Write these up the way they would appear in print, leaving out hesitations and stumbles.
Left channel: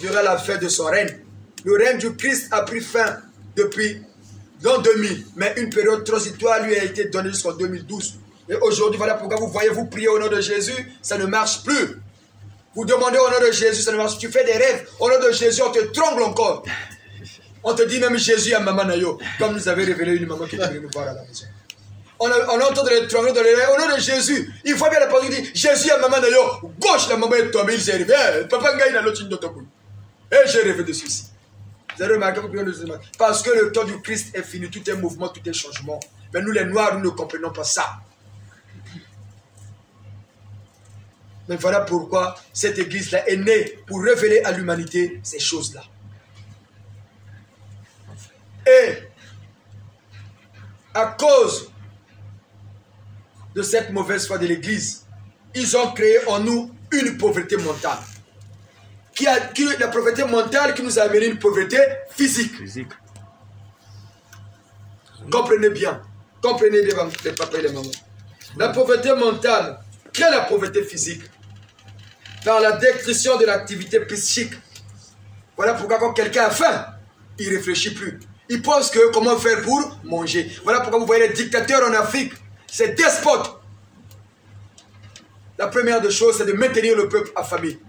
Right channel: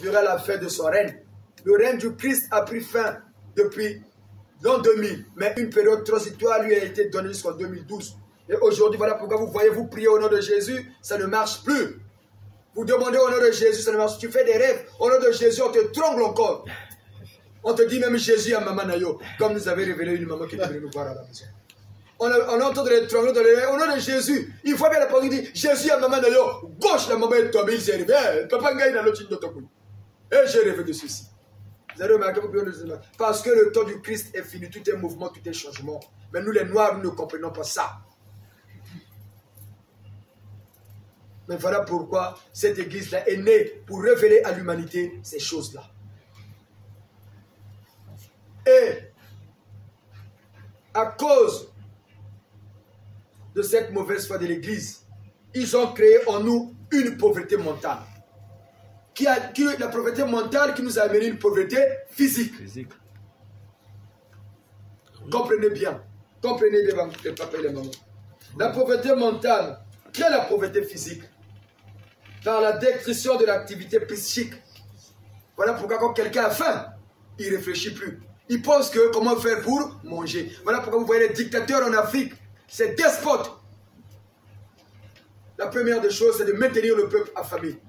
il verra la fin de son règne. Le règne du Christ a pris fin depuis l'an 2000, mais une période transitoire lui a été donnée jusqu'en 2012. Et aujourd'hui, voilà pourquoi vous voyez, vous priez au nom de Jésus, ça ne marche plus. Vous demandez au nom de Jésus, ça ne marche plus. Tu fais des rêves, au nom de Jésus, on te tremble encore. On te dit même Jésus à Maman Nayo, comme nous avait révélé une maman qui est venue nous voir à la maison. On entend de l'étranger dans les rêves, au nom de Jésus. Il faut bien la parole qui dit Jésus à Maman Nayo, gauche la maman est tombée, il s'est réveillé. Papa Ngaï n'a l'autre de et j'ai rêvé de ceci. Vous avez remarqué, parce que le temps du Christ est fini, tout est mouvement, tout est changement. Mais nous les Noirs, nous ne comprenons pas ça. Mais voilà pourquoi cette église-là est née pour révéler à l'humanité ces choses-là. Et à cause de cette mauvaise foi de l'église, ils ont créé en nous une pauvreté mentale. La pauvreté mentale qui nous a amené une pauvreté physique. Comprenez bien. Comprenez les papas et les mamans. La pauvreté mentale crée la pauvreté physique. Dans la décrition de l'activité psychique. Voilà pourquoi quand quelqu'un a faim, il ne réfléchit plus. Il pense que comment faire pour manger. Voilà pourquoi vous voyez les dictateurs en Afrique. C'est despotes. La première des choses, c'est de maintenir le peuple affamé.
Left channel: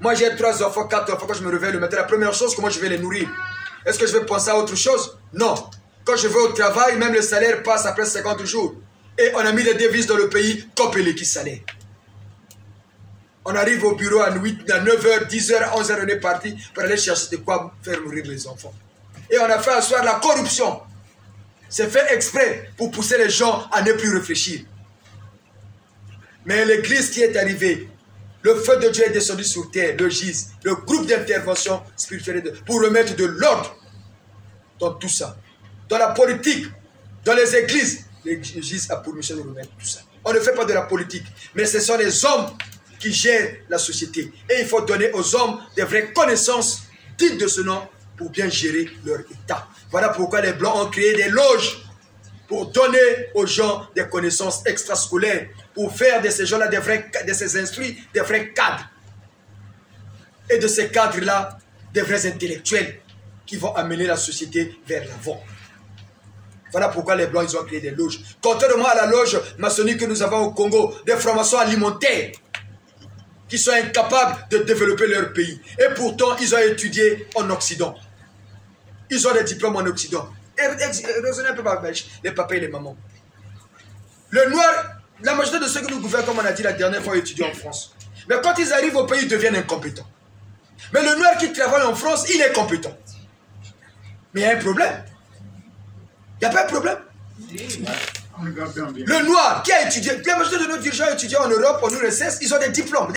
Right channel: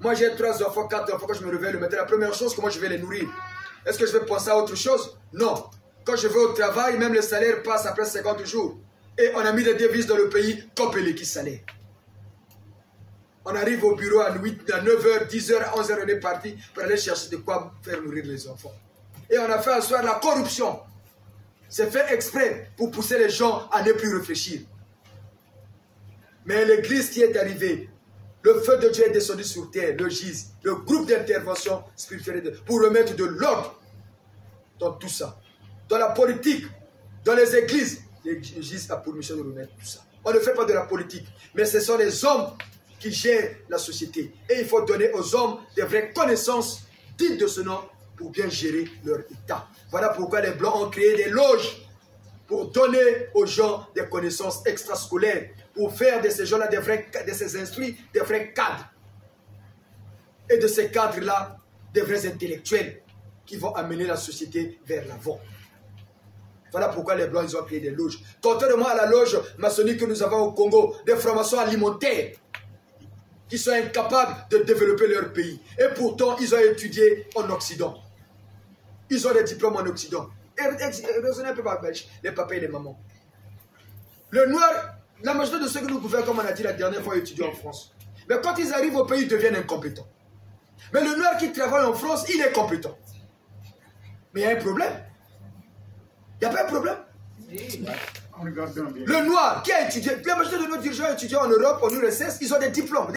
Moi, j'ai 3 enfants, 4 enfants. Quand je me réveille le matin, la première chose, comment je vais les nourrir? Est-ce que je vais penser à autre chose? Non. Quand je vais au travail, même le salaire passe après 50 jours. Et on a mis des devises dans le pays, copé qui salaire. On arrive au bureau à 9h, 10h, 11h, on est parti pour aller chercher de quoi faire nourrir les enfants. Et on a fait asseoir la corruption. C'est fait exprès pour pousser les gens à ne plus réfléchir. Mais l'église qui est arrivée, le feu de Dieu est descendu sur terre, le GIS, le groupe d'intervention spirituelle, pour remettre de l'ordre dans tout ça. Dans la politique, dans les églises, le GIS a pour mission de remettre tout ça. On ne fait pas de la politique, mais ce sont les hommes qui gèrent la société. Et il faut donner aux hommes des vraies connaissances dignes de ce nom pour bien gérer leur état. Voilà pourquoi les Blancs ont créé des loges pour donner aux gens des connaissances extrascolaires, pour faire de ces gens-là, de ces instruits, des vrais cadres. Et de ces cadres-là, des vrais intellectuels qui vont amener la société vers l'avant. Voilà pourquoi les Blancs, ils ont créé des loges. Contrairement à la loge maçonnique que nous avons au Congo, des francs-maçons alimentaires qui sont incapables de développer leur pays. Et pourtant, ils ont étudié en Occident. Ils ont des diplômes en Occident. Et raisonnez un peu par les papas et les mamans. Le noir, la majorité de ceux que nous gouvernons, comme on a dit la dernière fois, étudient en France. Mais quand ils arrivent au pays, ils deviennent incompétents. Mais le noir qui travaille en France, il est compétent. Mais il y a un problème. Il n'y a pas un problème. Le noir qui a étudié, la majorité de nos dirigeants étudiants en Europe, en URSS, ils ont des diplômes.